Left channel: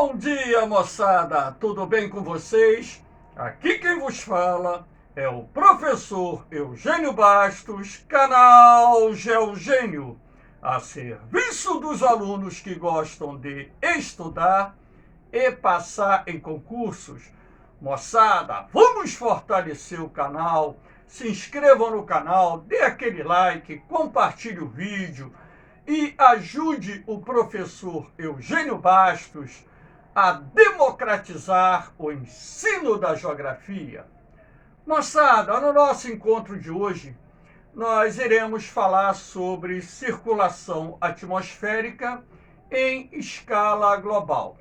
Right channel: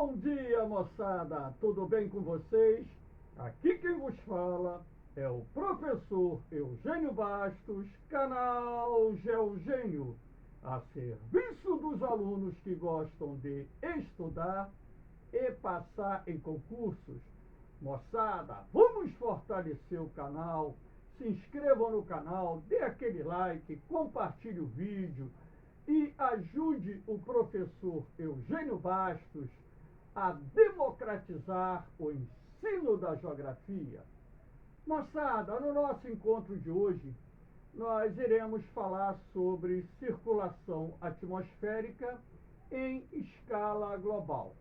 Bom dia, moçada! Tudo bem com vocês? Aqui quem vos fala é o professor Eugênio Bastos, canal Geogênio, a serviço dos alunos que gostam de estudar e passar em concursos. Moçada, vamos fortalecer o canal, se inscrevam no canal, dê aquele like, compartilhe o vídeo e ajude o professor Eugênio Bastos a democratizar o ensino da geografia. Moçada, no nosso encontro de hoje, nós iremos falar sobre circulação atmosférica em escala global.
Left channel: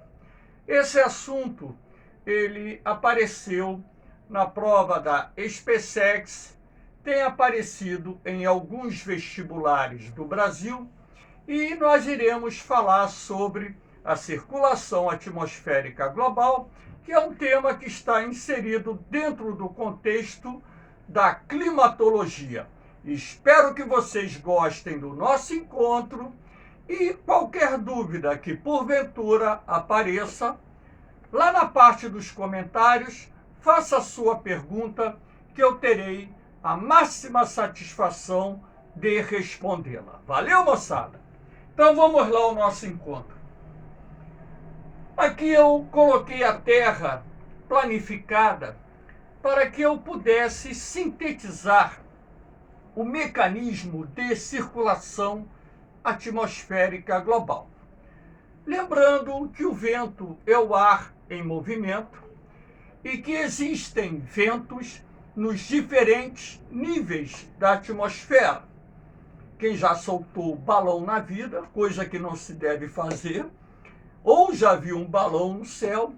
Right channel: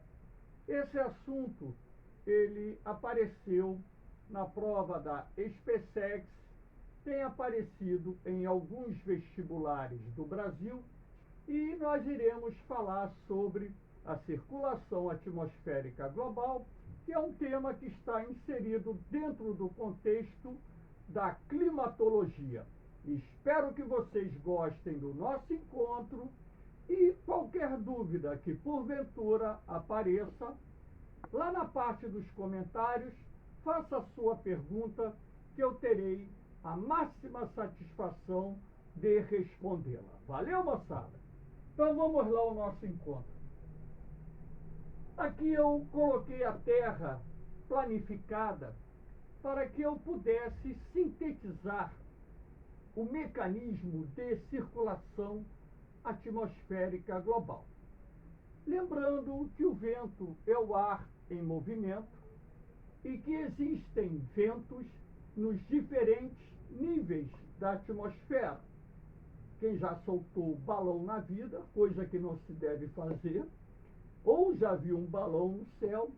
Esse assunto, ele apareceu na prova da SpaceX, tem aparecido em alguns vestibulares do Brasil e nós iremos falar sobre a circulação atmosférica global, que é um tema que está inserido dentro do contexto da climatologia. Espero que vocês gostem do nosso encontro e qualquer dúvida que porventura apareça, lá na parte dos comentários, faça a sua pergunta que eu terei a máxima satisfação de respondê-la. Valeu, moçada? Então vamos lá ao nosso encontro. Aqui eu coloquei a Terra planificada para que eu pudesse sintetizar o mecanismo de circulação atmosférica global. Lembrando que o vento é o ar em movimento e que existem ventos nos diferentes níveis da atmosfera. Quem já soltou balão na vida, coisa que não se deve fazer, ou já viu um balão no céu,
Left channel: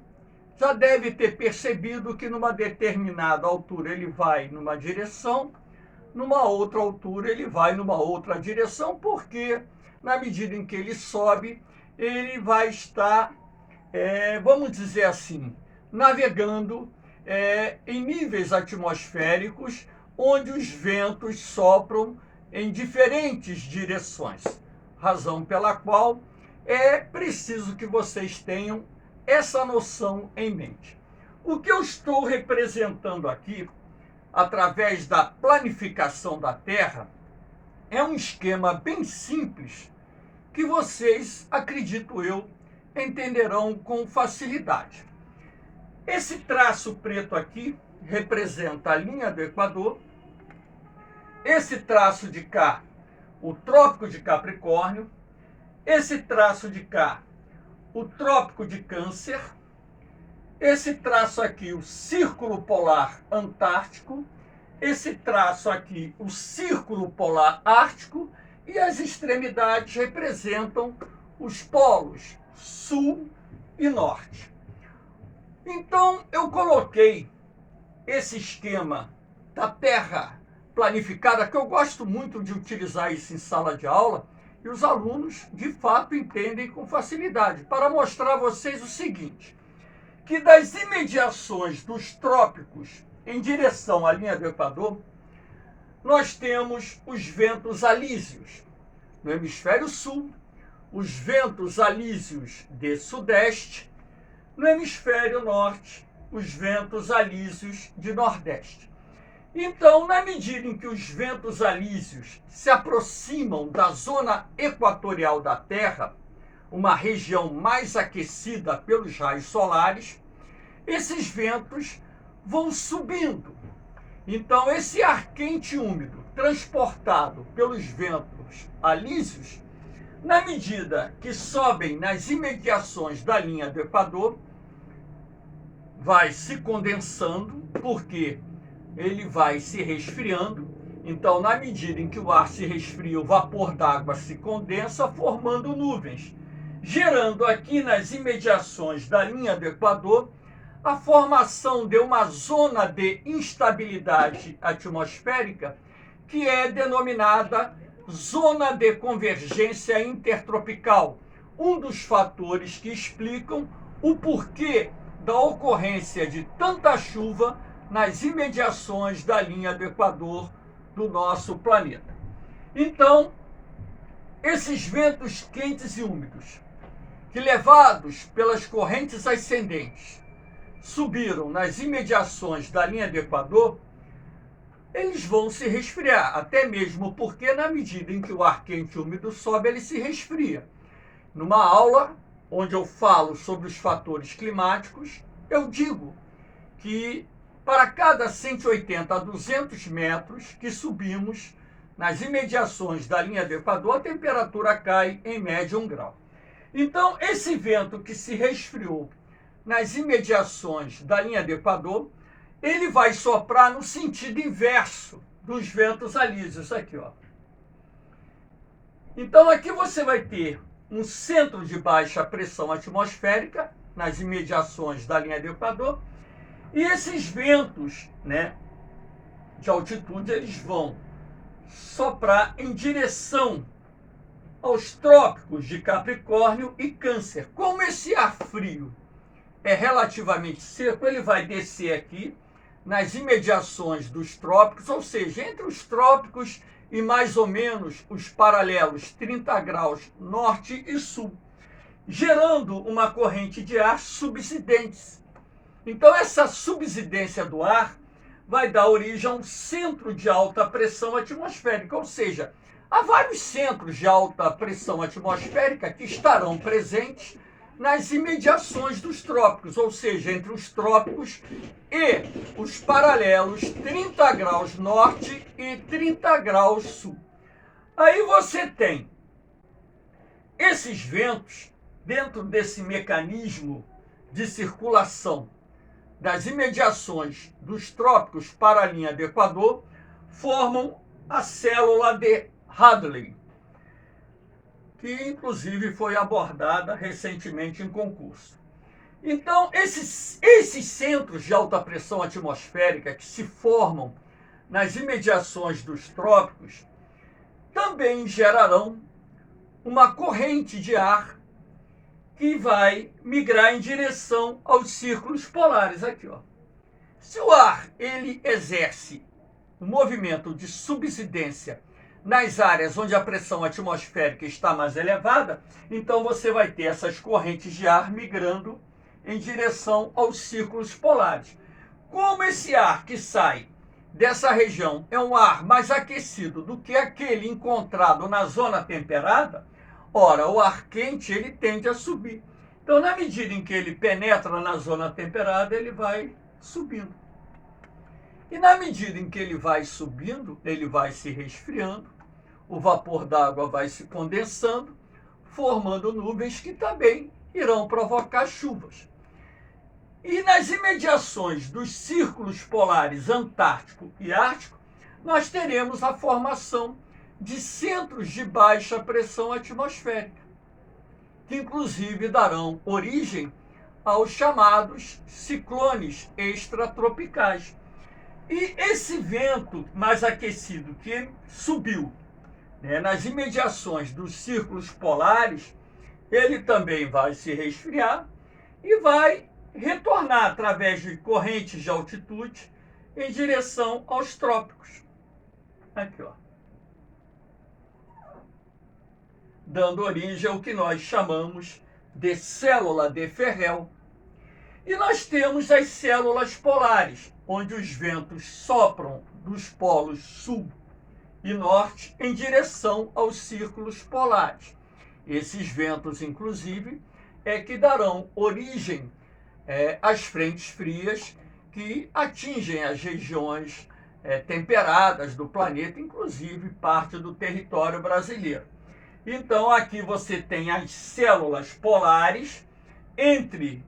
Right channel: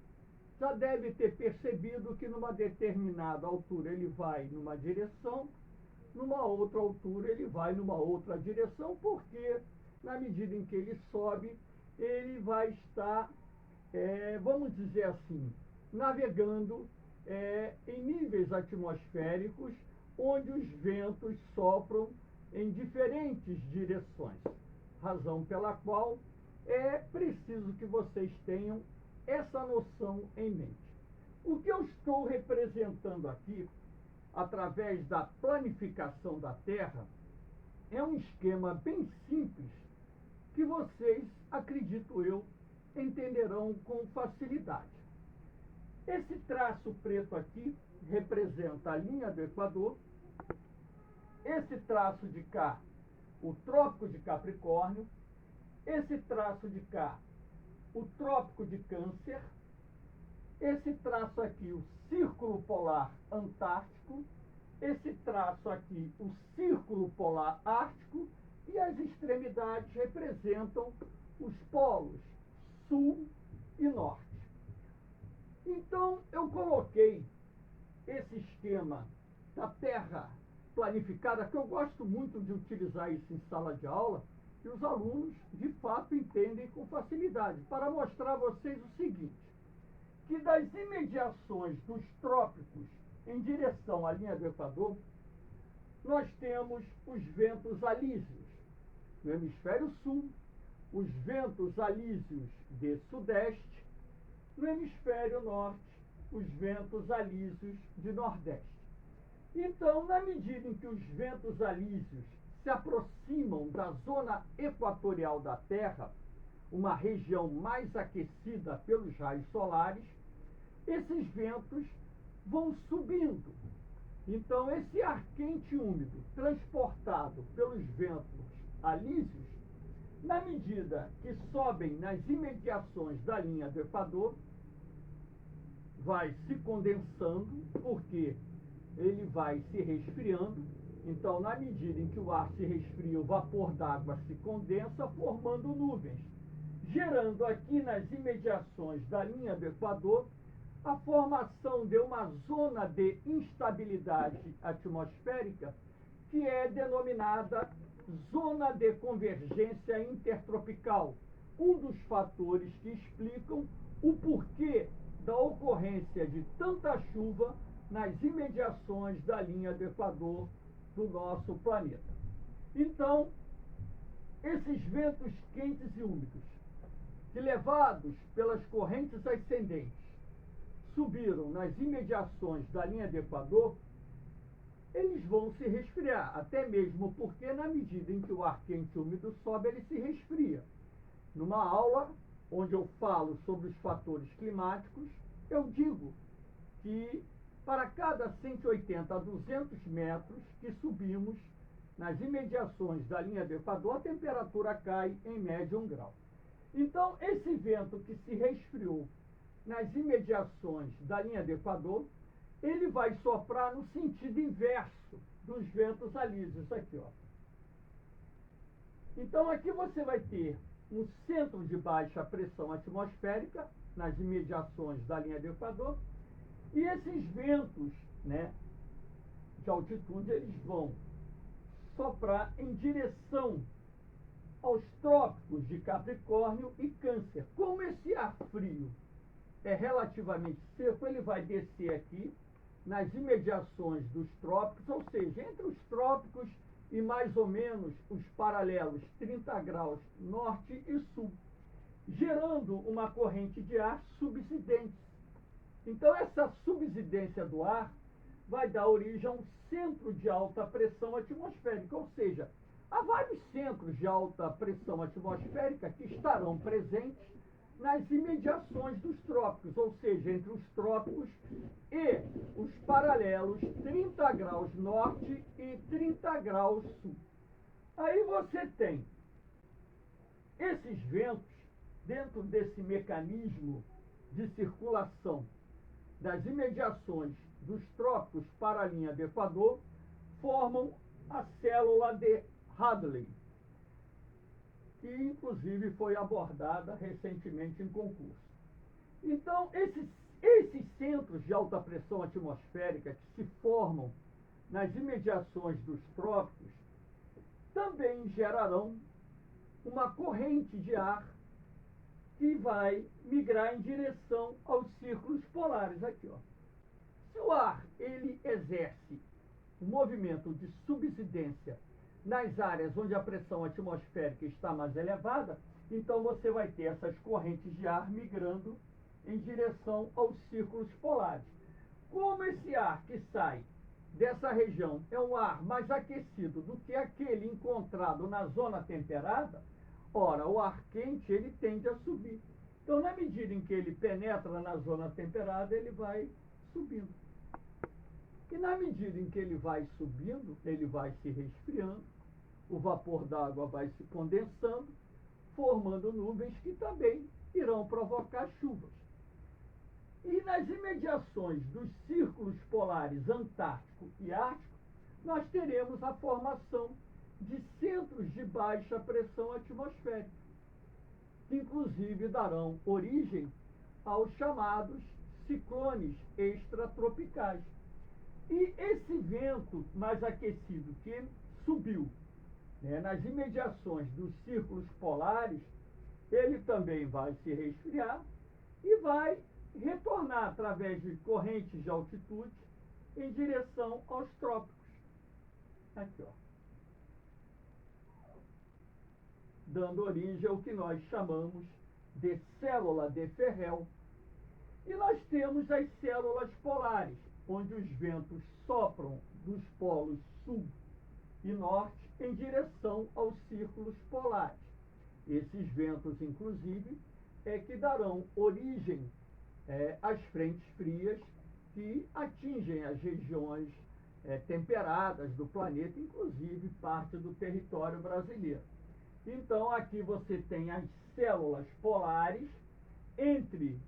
já deve ter percebido que numa determinada altura ele vai numa direção, numa outra altura ele vai numa outra direção, porque na medida em que ele sobe, ele vai estar, vamos dizer assim, navegando em níveis atmosféricos onde os ventos sopram em diferentes direções, razão pela qual é preciso que vocês tenham essa noção em mente. O que eu estou representando aqui, através da planificação da Terra, é um esquema bem simples que vocês, acredito eu, entenderão com facilidade. Esse traço preto aqui representa a linha do Equador. Esse traço de cá, o Trópico de Capricórnio. Esse traço de cá, o Trópico de Câncer. Esse traço aqui, o Círculo Polar Antártico. Esse traço aqui, o Círculo Polar Ártico. E as extremidades representam os polos Sul e Norte. Então, eu coloquei esse esquema da Terra planificada, que eu gosto muito de utilizar isso em sala de aula, e os alunos, de fato, entendem com facilidade, para mostrar a vocês o seguinte, que das imediações dos trópicos em direção à linha do Equador, nós temos os ventos alísios. No hemisfério sul, os ventos alísios de sudeste. No hemisfério norte, os ventos alísios de nordeste. Então, na medida em que os ventos alísios se aproximam da zona equatorial da Terra, uma região mais aquecida pelos raios solares, esses ventos vão subindo. Então, esse ar quente e úmido, transportado pelos ventos alísios, na medida que sobem nas imediações da linha do Equador, vai se condensando, porque ele vai se resfriando. Então, na medida em que o ar se resfria, o vapor d'água se condensa, formando nuvens, gerando aqui nas imediações da linha do Equador a formação de uma zona de instabilidade atmosférica que é denominada zona de convergência intertropical, um dos fatores que explicam o porquê da ocorrência de tanta chuva nas imediações da linha do Equador do nosso planeta. Então, esses ventos quentes e úmidos, que, levados pelas correntes ascendentes, subiram nas imediações da linha do Equador, eles vão se resfriar, até mesmo porque, na medida em que o ar quente e úmido sobe, ele se resfria. Numa aula onde eu falo sobre os fatores climáticos, eu digo que para cada 180 a 200 metros que subimos nas imediações da linha do Equador, a temperatura cai em média 1 grau. Então, esse vento que se resfriou nas imediações da linha do Equador, ele vai soprar no sentido inverso dos ventos alísios aqui, ó. Então, aqui você vai ter um centro de baixa pressão atmosférica nas imediações da linha do Equador, e esses ventos, né, de altitude, eles vão soprar em direção aos trópicos de Capricórnio e Câncer. Como esse ar frio é relativamente seco, ele vai descer aqui nas imediações dos trópicos, ou seja, entre os trópicos e mais ou menos os paralelos 30 graus norte e sul, gerando uma corrente de ar subsidente. Então, essa subsidência do ar vai dar origem a um centro de alta pressão atmosférica, ou seja, há vários centros de alta pressão atmosférica que estarão presentes nas imediações dos trópicos, ou seja, entre os trópicos e os paralelos 30 graus norte e 30 graus sul. Aí você tem esses ventos dentro desse mecanismo de circulação das imediações dos trópicos para a linha do Equador, formam a célula de Hadley, que inclusive foi abordada recentemente em concurso. Então, esses centros de alta pressão atmosférica que se formam nas imediações dos trópicos também gerarão uma corrente de ar que vai migrar em direção aos círculos polares aqui, ó. Se o ar ele exerce um movimento de subsidência nas áreas onde a pressão atmosférica está mais elevada, então você vai ter essas correntes de ar migrando em direção aos círculos polares. Como esse ar que sai dessa região é um ar mais aquecido do que aquele encontrado na zona temperada, ora, o ar quente ele tende a subir. Então, na medida em que ele penetra na zona temperada, ele vai subindo. E na medida em que ele vai subindo, ele vai se resfriando, o vapor d'água vai se condensando, formando nuvens que também irão provocar chuvas. E nas imediações dos círculos polares Antártico e Ártico, nós teremos a formação de centros de baixa pressão atmosférica, que inclusive darão origem aos chamados ciclones extratropicais. E esse vento mais aquecido que subiu, né, nas imediações dos círculos polares, ele também vai se resfriar e vai retornar através de correntes de altitude em direção aos trópicos. Aqui, ó. Dando origem ao que nós chamamos de célula de Ferrel. E nós temos as células polares, onde os ventos sopram dos polos sul e norte em direção aos círculos polares. Esses ventos, inclusive, é que darão origem às frentes frias que atingem as regiões temperadas do planeta, inclusive parte do território brasileiro. Então, aqui você tem as células polares entre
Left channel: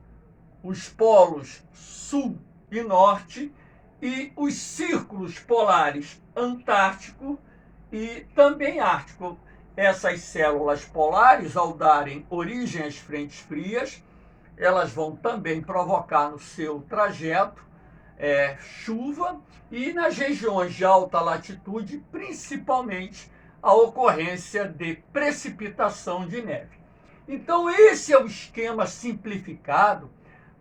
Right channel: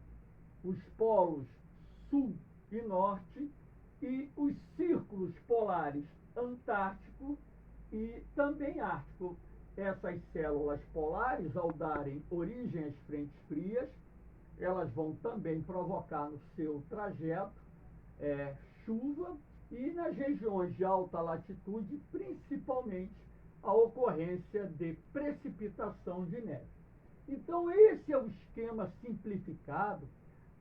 os polos sul e norte e os círculos polares Antártico e também Ártico. Essas células polares, ao darem origem às frentes frias, elas vão também provocar no seu trajeto chuva e nas regiões de alta latitude, principalmente, a ocorrência de precipitação de neve. Então, esse é o esquema simplificado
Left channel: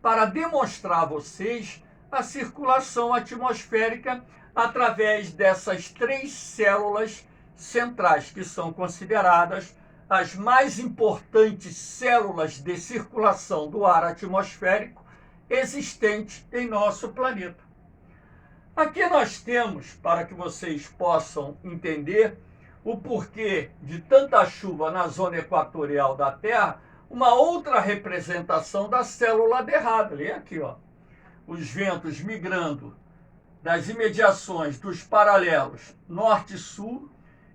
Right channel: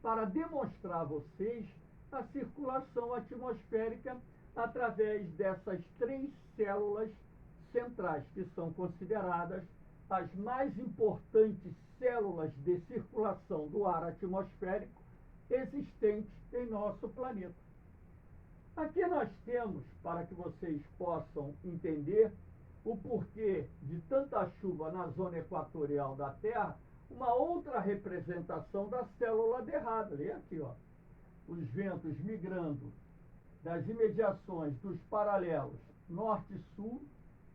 para demonstrar a vocês a circulação atmosférica através dessas três células centrais, que são consideradas as mais importantes células de circulação do ar atmosférico existentes em nosso planeta. Aqui nós temos, para que vocês possam entender o porquê de tanta chuva na zona equatorial da Terra, uma outra representação da célula de Hadley. Aqui, ó, os ventos migrando das imediações dos paralelos norte e sul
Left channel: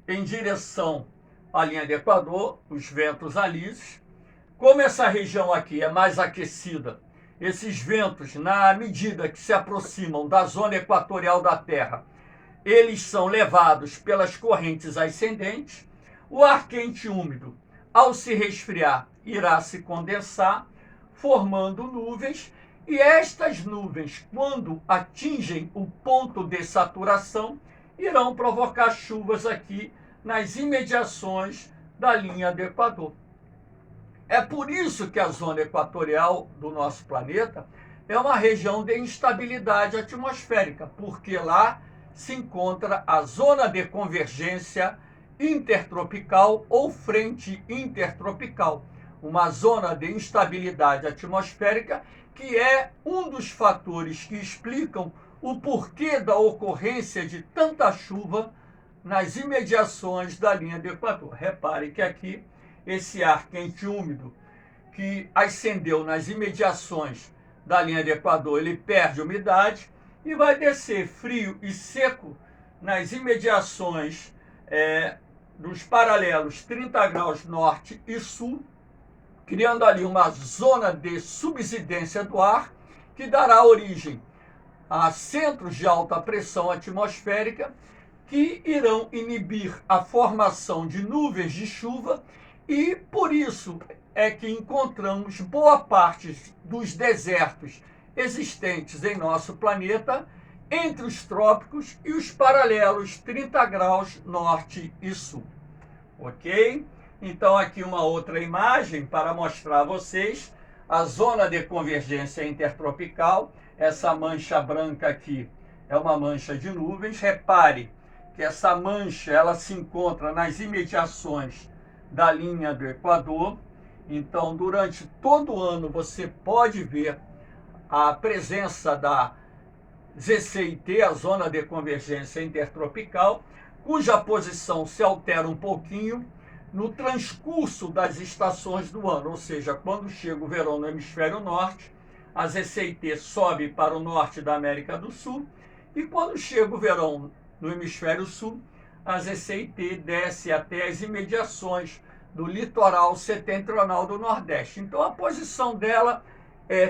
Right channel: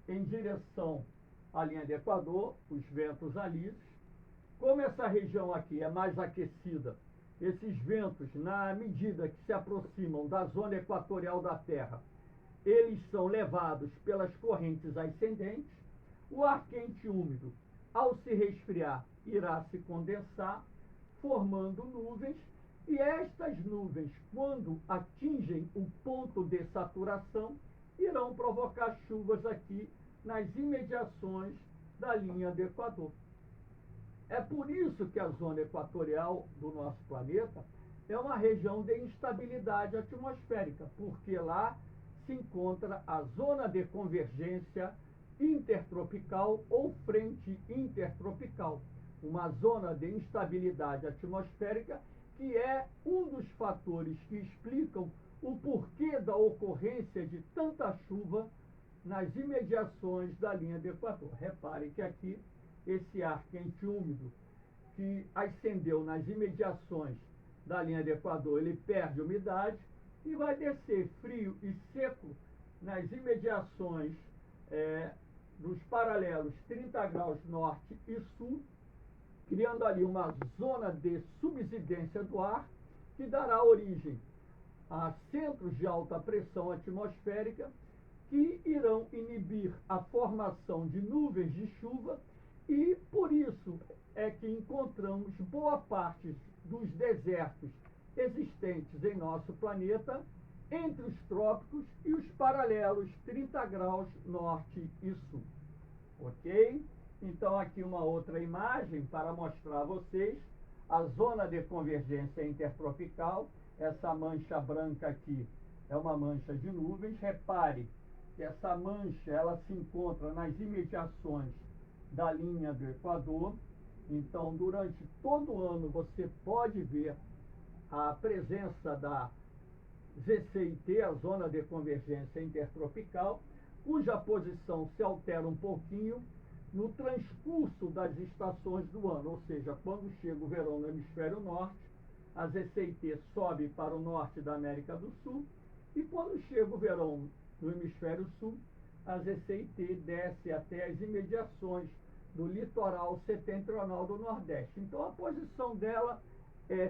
em direção à linha do Equador, os ventos alísios. Como essa região aqui é mais aquecida, esses ventos, na medida que se aproximam da zona equatorial da Terra, eles são levados pelas correntes ascendentes. O ar quente e úmido, ao se resfriar, irá se condensar, formando nuvens, e estas nuvens, quando atingem o ponto de saturação, irão provocar chuvas aqui nas imediações da linha do Equador. É por isso que a zona equatorial do nosso planeta é uma região de instabilidade atmosférica, porque lá se encontra a zona de convergência intertropical ou frente intertropical, uma zona de instabilidade atmosférica que é um dos fatores que explicam o porquê da ocorrência de tanta chuva nas imediações da linha do Equador. Repare que aqui esse ar quente e úmido que ascendeu nas imediações da linha do Equador, ele perde umidade e vai descer frio e seco nas imediações dos paralelos 30 graus norte e sul, criando ali uma zona de subsidência do ar que dará origem a centros de alta pressão atmosférica que irão inibir a formação de nuvens de chuva, e por isso é que encontramos boa parte dos desertos existentes em nosso planeta entre os trópicos e os paralelos 30 graus norte e sul. Ok? Então aqui uma outra imagem para mostrar a vocês a zona de convergência intertropical. Essa mancha branca aqui é uma mancha de nuvens. Repare que essa mancha ela se encontra nas imediações da linha do Equador. Então, durante todo o ano, você pode ver a presença da ZCIT, a Zona de Convergência Intertropical, cuja posição se altera um pouquinho no transcurso das estações do ano, ou seja, quando chega o verão no hemisfério norte, a ZCIT sobe para o norte da América do Sul, e quando chega o verão no hemisfério sul, a ZCIT desce até as imediações do litoral setentrional do Nordeste. Então a posição dela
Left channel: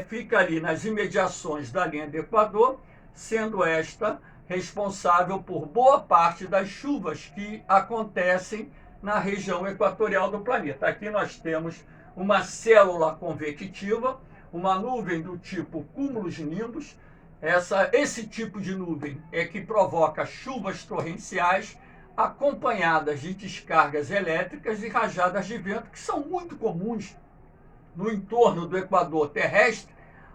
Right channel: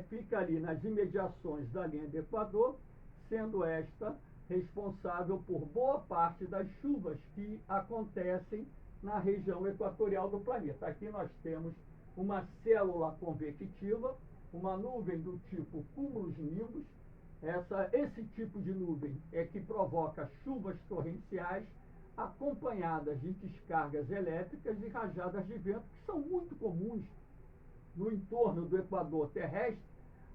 fica ali nas imediações da linha do Equador, sendo esta responsável por boa parte das chuvas que acontecem na região equatorial do planeta. Aqui nós temos uma célula convectiva, uma nuvem do tipo cúmulos nimbus. Esse tipo de nuvem é que provoca chuvas torrenciais acompanhadas de descargas elétricas e rajadas de vento, que são muito comuns no entorno do Equador terrestre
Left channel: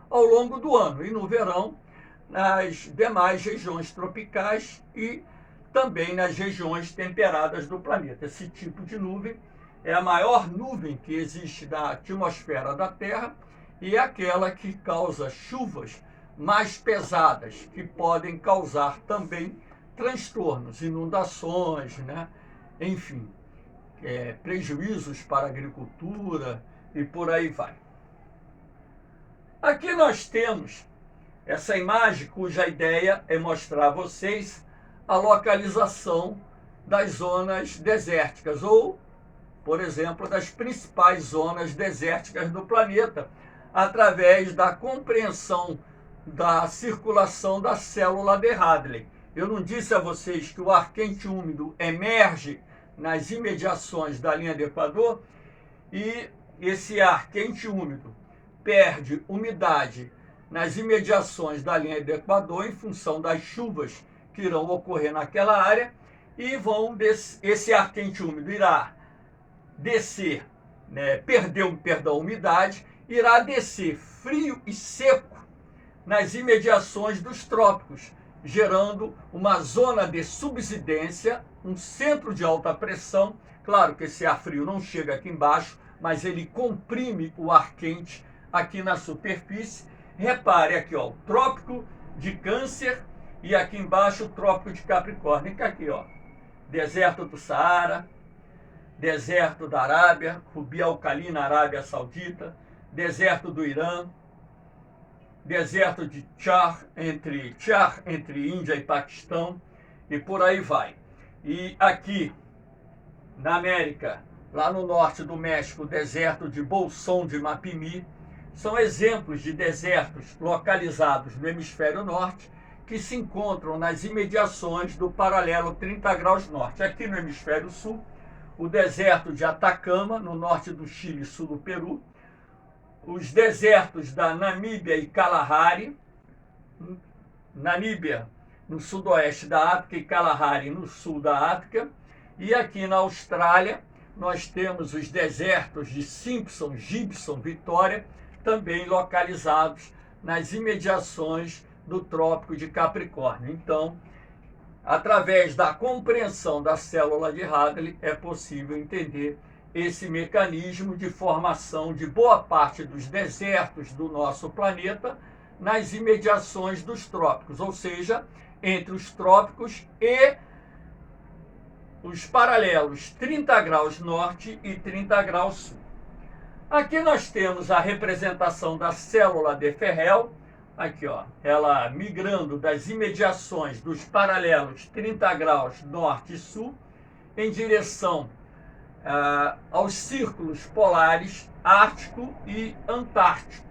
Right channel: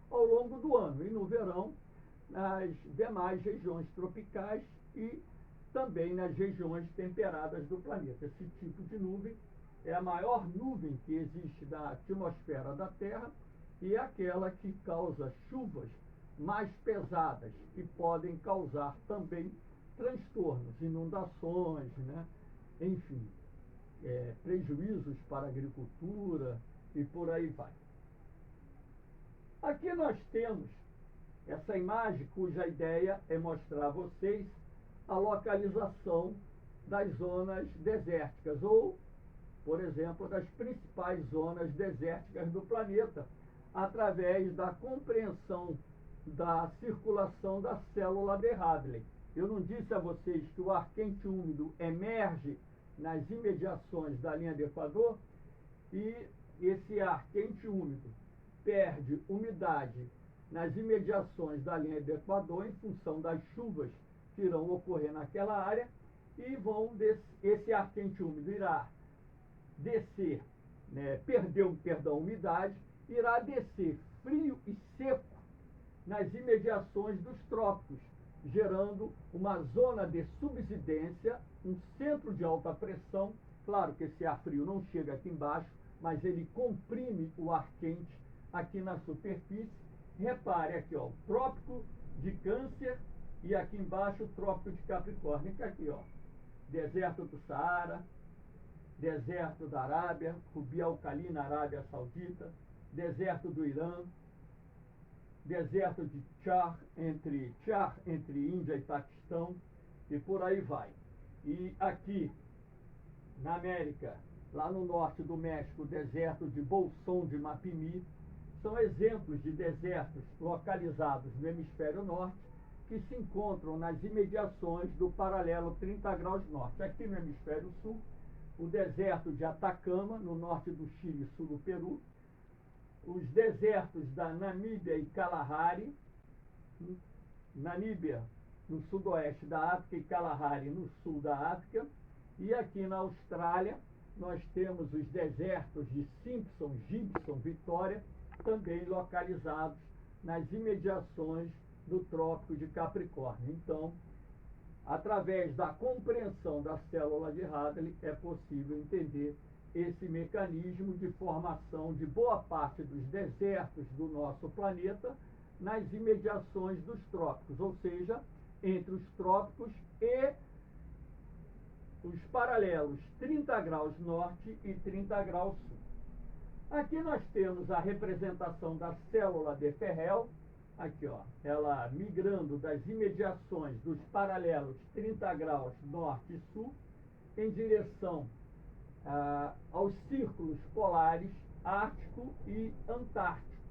ao longo do ano, e no verão nas demais regiões tropicais e também nas regiões temperadas do planeta. Esse tipo de nuvem é a maior nuvem que existe da atmosfera da Terra e é aquela que causa chuvas mais pesadas, que podem causar também transtornos, inundações, né? Enfim, prejuízos para a agricultura e por aí vai. Aqui nós temos essa imagem cuja ideia é mostrar a vocês a localização das zonas desérticas ou, por exemplo, das principais zonas desérticas do planeta, através da compreensão da circulação da célula de Hadley. Eu não disse a vocês que o ar quente úmido emerge nas imediações da linha do Equador e esse ar quente úmido perde umidade nas imediações da linha do Equador em função das chuvas que irão ocorrer naquela área e esse ar quente úmido irá descer, perder umidade, irá descer frio e seco nas imediações dos trópicos, gerando uma zona de subsidência, um centro de alta pressão Claro que esse ar frio não chega aqui embaixo, mas ele comprime o ar quente aqui na superfície. Repare aqui, ó, o Trópico de Câncer e aqui embaixo o Trópico de Capricórnio. Fica aqui, ó, deserto do Saara, deserto da Arábia, Rubi Al-Khali na Arábia Saudita, deserto do Irã, deserto de Char entre Índia e Paquistão, e por aí vai. E aqui na América, lá no norte do México, o deserto de Bolsón de Mapimí, são exemplos de desertos localizados no hemisfério norte que se encontram nas imediações do paralelo 30 graus norte. Aqui no hemisfério sul, o deserto de Atacama, no norte do Chile e sul do Peru, os desertos da Namíbia e Kalahari, Namíbia no sudoeste da África e Kalahari no sul da África, e aqui na Austrália nós temos os desertos de Simpson, Gibson, Vitória, também localizados nas imediações do Trópico de Capricórnio. Então, através da compreensão da célula de Hadley, é possível entender esse mecanismo de formação de boa parte dos desertos do nosso planeta nas imediações dos trópicos, ou seja, entre os trópicos e os paralelos 30 graus norte e 30 graus sul. Aqui nós temos a representação da célula de Ferrel, aqui ó, ela migrando das imediações dos paralelos 30 graus norte e sul em direção aos círculos polares Ártico e Antártico.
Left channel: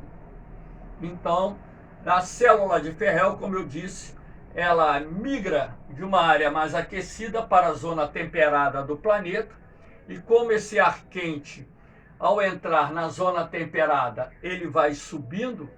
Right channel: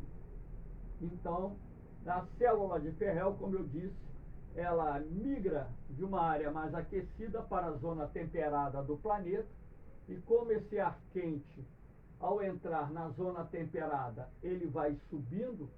Então, a célula de Ferrel, como eu disse, ela migra de uma área mais aquecida para a zona temperada do planeta, e como esse ar quente, ao entrar na zona temperada, ele vai subindo,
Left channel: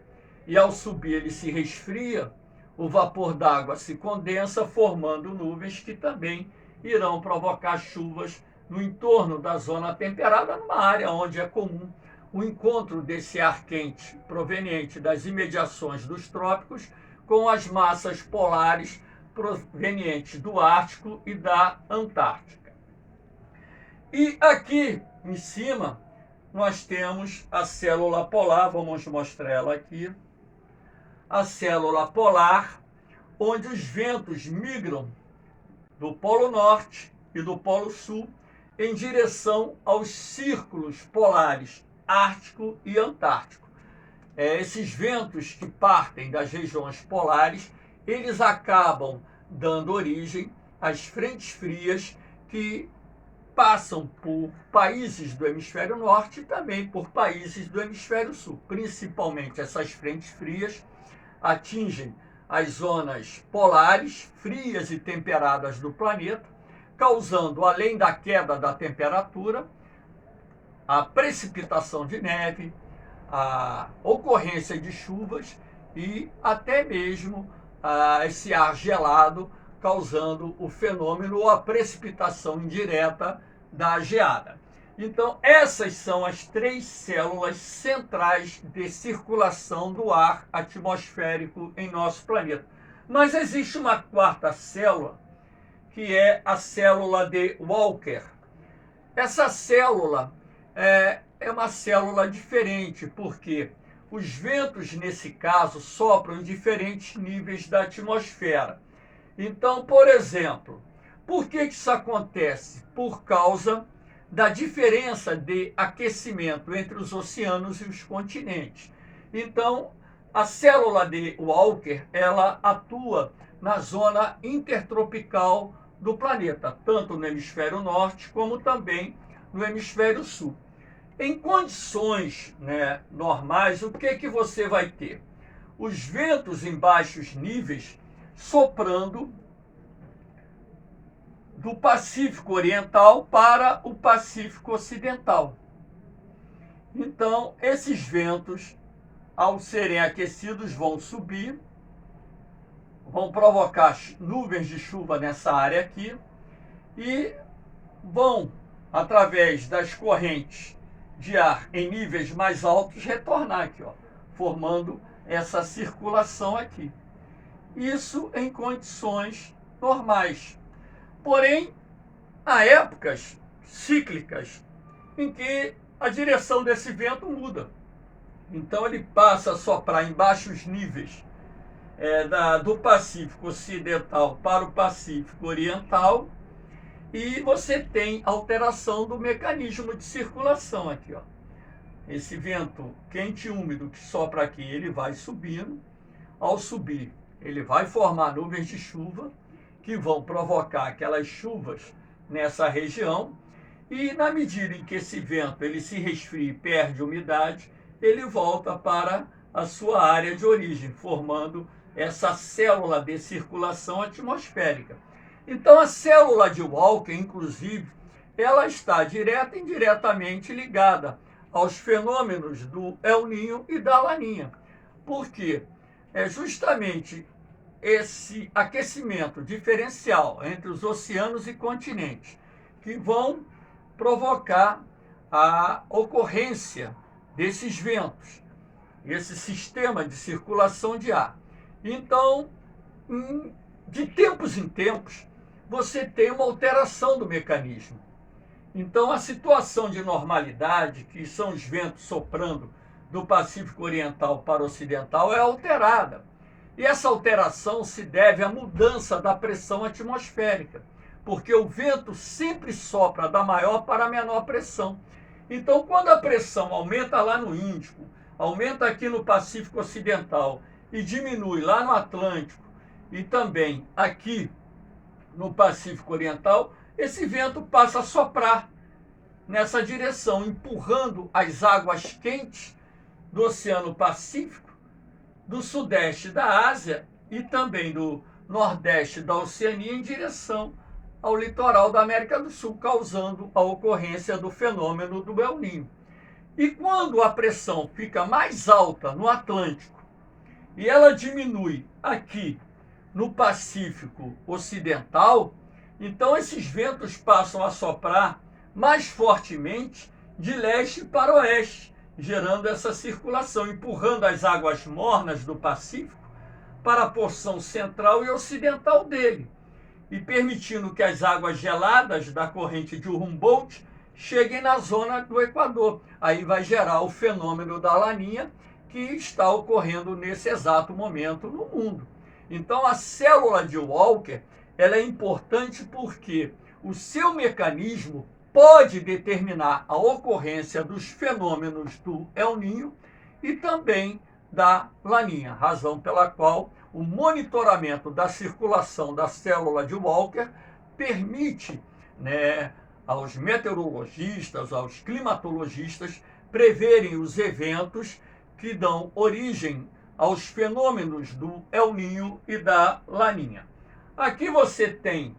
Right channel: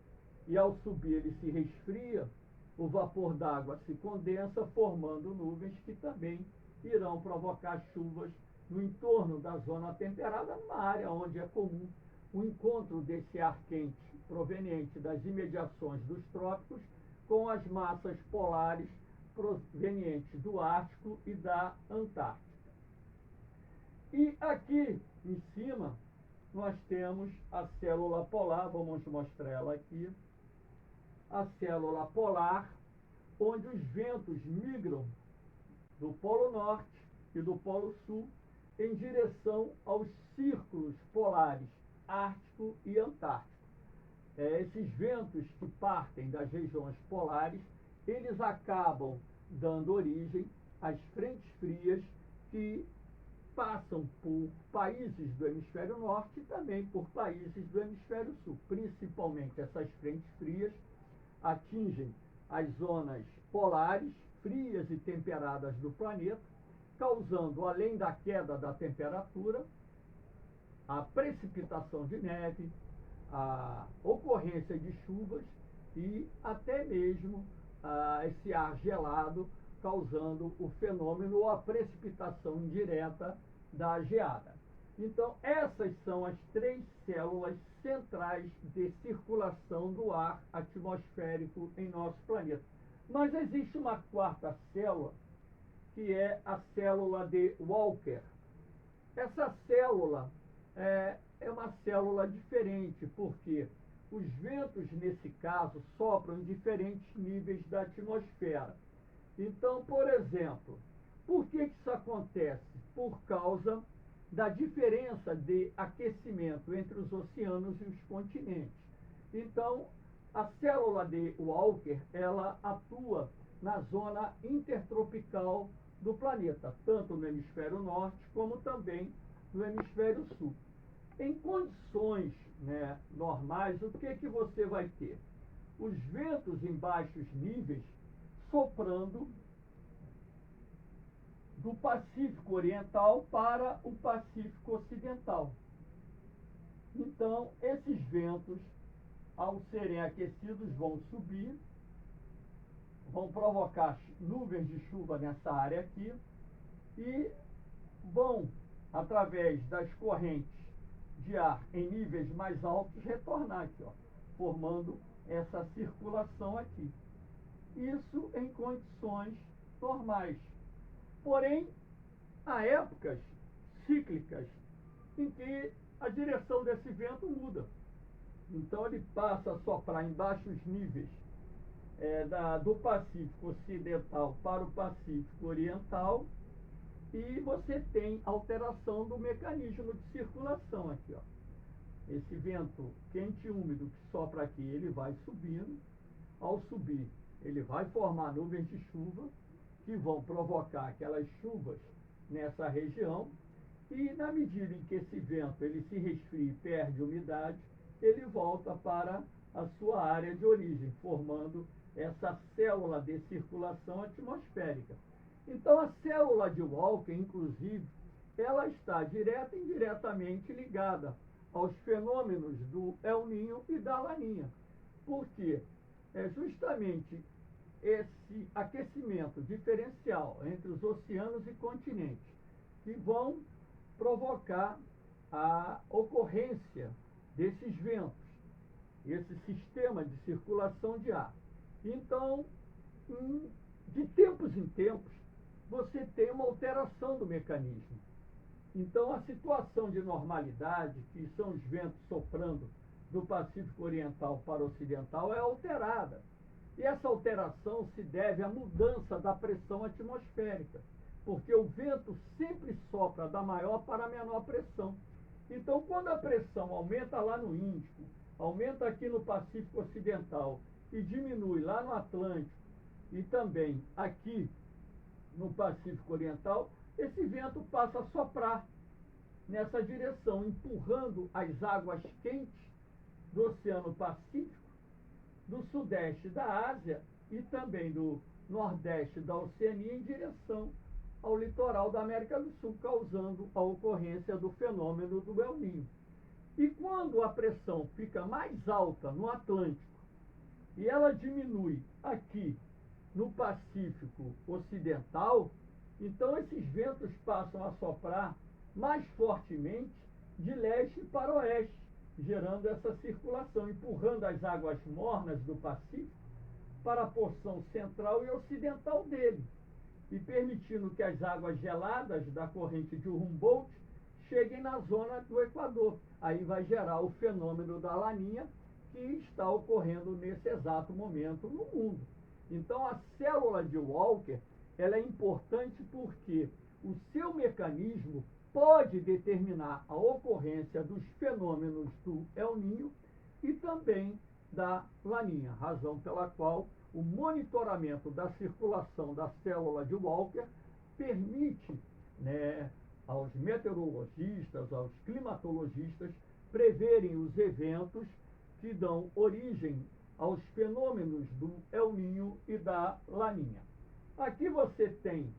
e ao subir ele se resfria, o vapor d'água se condensa, formando nuvens que também irão provocar chuvas no entorno da zona temperada, numa área onde é comum o encontro desse ar quente proveniente das imediações dos trópicos com as massas polares provenientes do Ártico e da Antártica. E aqui em cima nós temos a célula polar, vamos mostrar ela aqui, a célula polar, onde os ventos migram do Polo Norte e do Polo Sul em direção aos círculos polares Ártico e Antártico. Esses ventos que partem das regiões polares, eles acabam dando origem às frentes frias que passam por países do hemisfério norte e também por países do hemisfério sul. Principalmente essas frentes frias atingem as zonas polares, frias e temperadas do planeta, causando, além da queda da temperatura, a precipitação de neve, a ocorrência de chuvas e até mesmo esse ar gelado, causando o fenômeno ou a precipitação indireta da geada. Então, essas são as três células centrais de circulação do ar atmosférico em nosso planeta. Mas existe uma quarta célula, que é a célula de Walker. Essa célula é uma célula diferente, porque os ventos, nesse caso, sopram em diferentes níveis da atmosfera. Então, por exemplo, por que isso acontece? Por causa da diferença de aquecimento entre os oceanos e os continentes. Então, a célula de Walker, ela atua na zona intertropical do planeta, tanto no hemisfério norte como também no hemisfério sul. Em condições normais, o que você vai ter? Os ventos em baixos níveis soprando do Pacífico Oriental para o Pacífico Ocidental. Então, esses ventos, ao serem aquecidos, vão subir, vão provocar nuvens de chuva nessa área aqui e vão, através das correntes de ar em níveis mais altos, retornar aqui, ó, formando essa circulação aqui. Isso em condições normais. Porém, há épocas, cíclicas em que a direção desse vento muda. Então ele passa a soprar em baixos níveis do Pacífico Ocidental para o Pacífico Oriental, e você tem alteração do mecanismo de circulação aqui, ó. Esse vento quente e úmido que sopra aqui, ele vai subindo. Ao subir, ele vai formar nuvens de chuva que vão provocar aquelas chuvas nessa região, e na medida em que esse vento ele se resfria e perde umidade, ele volta para a sua área de origem, formando essa célula de circulação atmosférica. Então a célula de Walker, inclusive, ela está direta e indiretamente ligada aos fenômenos do El Niño e da Laninha. Por quê? É justamente esse aquecimento diferencial entre os oceanos e continentes que vão provocar a ocorrência desses ventos, esse sistema de circulação de ar. Então, de tempos em tempos, você tem uma alteração do mecanismo. Então, a situação de normalidade, que são os ventos soprando do Pacífico Oriental para o Ocidental, é alterada. E essa alteração se deve à mudança da pressão atmosférica, porque o vento sempre sopra da maior para a menor pressão. Então, quando a pressão aumenta lá no Índico, aumenta aqui no Pacífico Ocidental e diminui lá no Atlântico e também aqui no Pacífico Oriental, esse vento passa a soprar nessa direção, empurrando as águas quentes do Oceano Pacífico, do Sudeste da Ásia e também do Nordeste da Oceania em direção ao litoral da América do Sul, causando a ocorrência do fenômeno do El Niño. E quando a pressão fica mais alta no Atlântico e ela diminui aqui no Pacífico Ocidental, então esses ventos passam a soprar mais fortemente de leste para oeste, gerando essa circulação, empurrando as águas mornas do Pacífico para a porção central e ocidental dele, e permitindo que as águas geladas da corrente de Humboldt cheguem na zona do Equador. Aí vai gerar o fenômeno da Laninha, que está ocorrendo nesse exato momento no mundo. Então a célula de Walker, ela é importante porque o seu mecanismo pode determinar a ocorrência dos fenômenos do El Niño e também da Laninha, razão pela qual o monitoramento da circulação da célula de Walker permite, aos meteorologistas, aos climatologistas, preverem os eventos que dão origem aos fenômenos do El Niño e da Laninha. Aqui você tem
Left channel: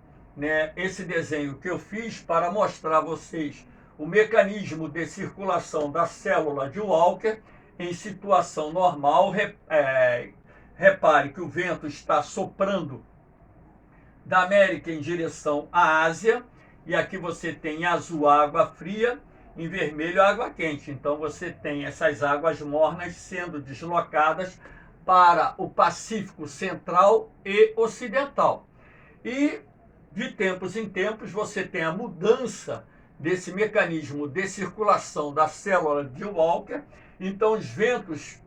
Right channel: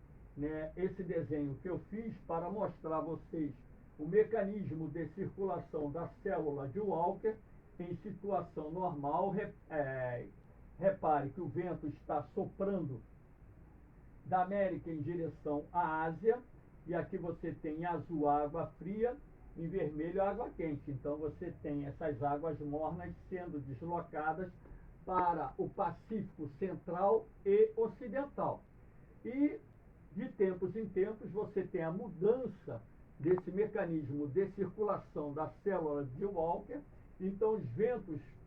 esse desenho que eu fiz para mostrar a vocês o mecanismo de circulação da célula de Walker em situação normal. Repare que o vento está soprando da América em direção à Ásia, e aqui você tem em azul água fria, em vermelho água quente. Então você tem essas águas mornas sendo deslocadas para o Pacífico Central e Ocidental. E de tempos em tempos você tem a mudança desse mecanismo de circulação da célula de Walker. Então os ventos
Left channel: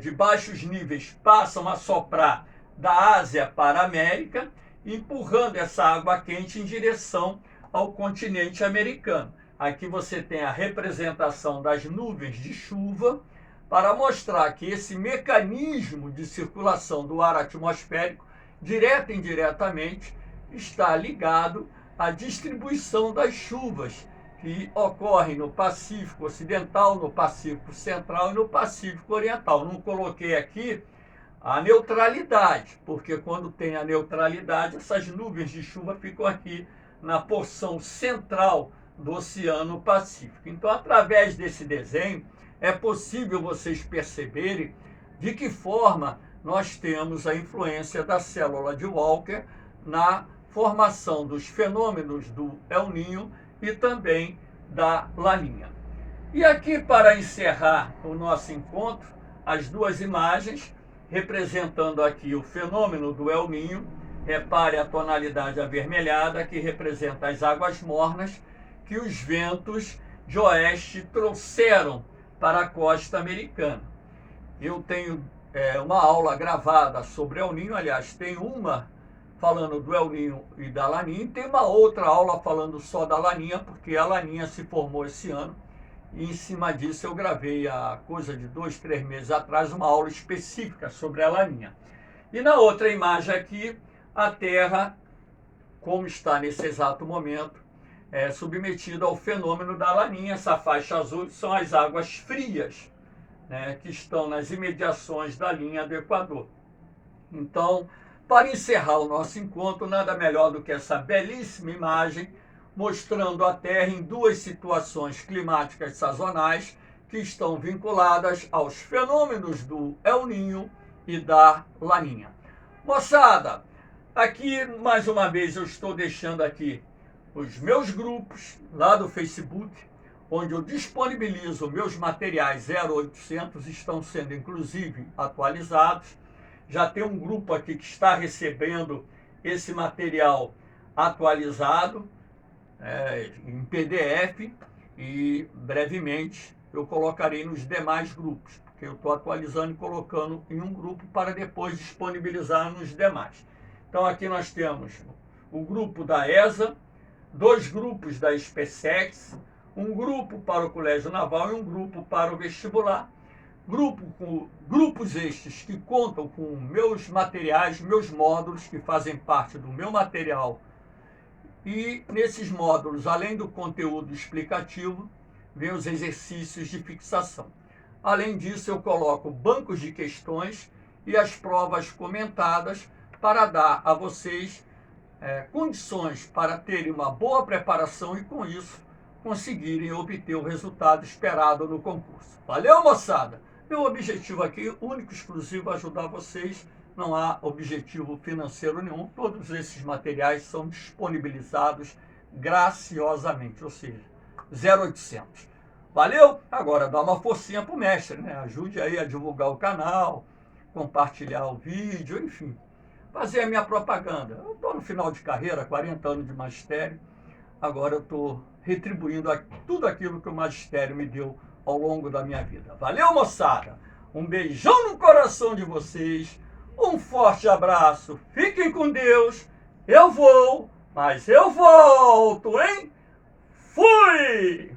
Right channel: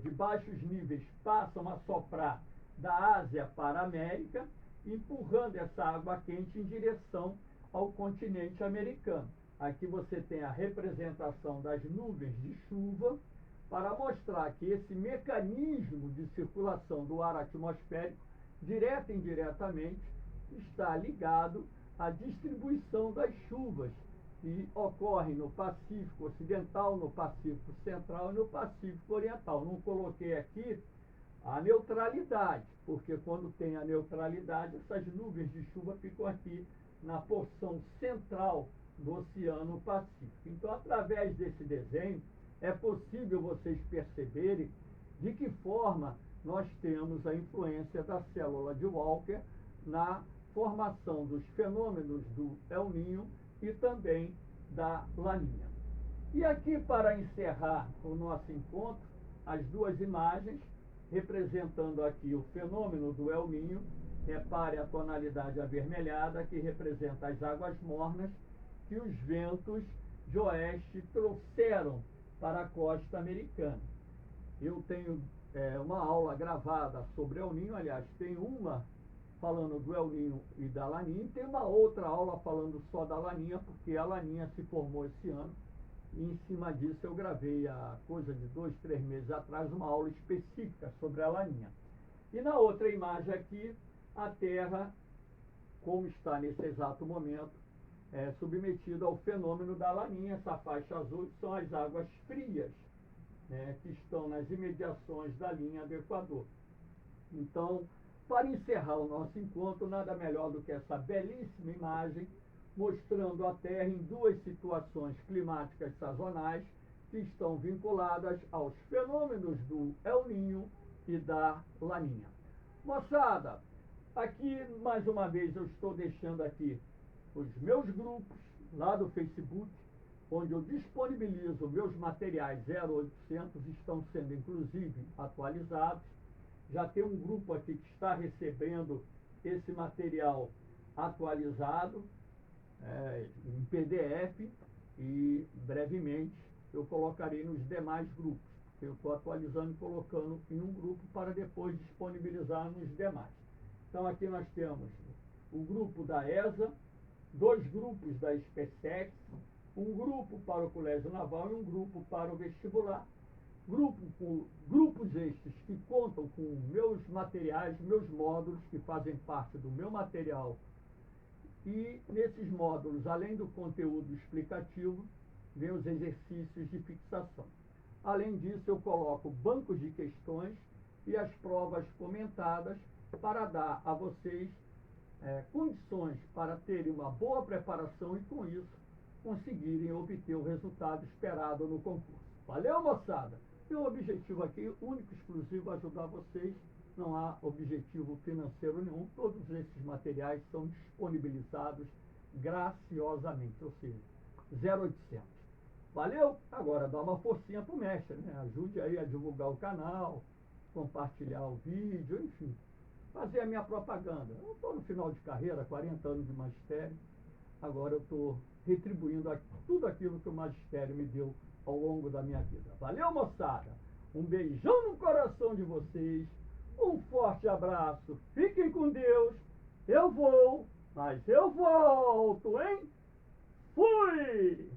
de baixos níveis passam a soprar da Ásia para a América, empurrando essa água quente em direção ao continente americano. Aqui você tem a representação das nuvens de chuva para mostrar que esse mecanismo de circulação do ar atmosférico, direta e indiretamente, está ligado à distribuição das chuvas que ocorrem no Pacífico Ocidental, no Pacífico Central e no Pacífico Oriental. Não coloquei aqui a neutralidade, porque quando tem a neutralidade, essas nuvens de chuva ficam aqui na porção central do Oceano Pacífico. Então, através desse desenho, é possível vocês perceberem de que forma nós temos a influência da célula de Walker na formação dos fenômenos do El Niño e também da Laninha. E aqui, para encerrar o nosso encontro, as duas imagens representando aqui o fenômeno do El Niño. Repare a tonalidade avermelhada, que representa as águas mornas, que os ventos de oeste trouxeram para a costa americana. Eu tenho uma aula gravada sobre El Niño, aliás, tem uma falando do El Niño e da Laninha, e tem uma outra aula falando só da Laninha, porque a Laninha se formou esse ano, e em cima disso eu gravei há coisa de 2, 3 meses atrás uma aula específica sobre a Laninha. E na outra imagem aqui, a Terra, como está nesse exato momento, é submetida ao fenômeno da Laninha. Essa faixa azul são as águas frias, né, que estão nas imediações da linha do Equador. Então, para encerrar o nosso encontro, nada melhor do que essa belíssima imagem mostrando a Terra em duas situações climáticas sazonais que estão vinculadas aos fenômenos do El Niño e da Laninha. Moçada, aqui mais uma vez eu estou deixando aqui os meus grupos lá do Facebook, onde eu disponibilizo meus materiais 0800, estão sendo inclusive atualizados. Já tem um grupo aqui que está recebendo esse material atualizado em PDF, e brevemente eu colocarei nos demais grupos, porque eu estou atualizando e colocando em um grupo para depois disponibilizar nos demais. Então aqui nós temos o grupo da ESA, 2 grupos da SpaceX, um grupo para o Colégio Naval e um grupo para o vestibular. Grupos estes que contam com meus materiais, meus módulos, que fazem parte do meu material. E nesses módulos, além do conteúdo explicativo, vem os exercícios de fixação. Além disso, eu coloco bancos de questões e as provas comentadas para dar a vocês condições para terem uma boa preparação e, com isso, conseguirem obter o resultado esperado no concurso. Valeu, moçada! Meu objetivo aqui, único e exclusivo, é ajudar vocês. Não há objetivo financeiro nenhum. Todos esses materiais são disponibilizados graciosamente, ou seja, 0800. Valeu? Agora dá uma forcinha pro mestre, né? Ajude aí a divulgar o canal, compartilhar o vídeo, enfim. Fazer a minha propaganda. Eu estou no final de carreira, 40 anos de magistério. Agora eu estou retribuindo tudo aquilo que o magistério me deu ao longo da minha vida. Valeu, moçada? Um beijão no coração de vocês. Um forte abraço. Fiquem com Deus. Eu vou, mas eu volto, hein? Fui!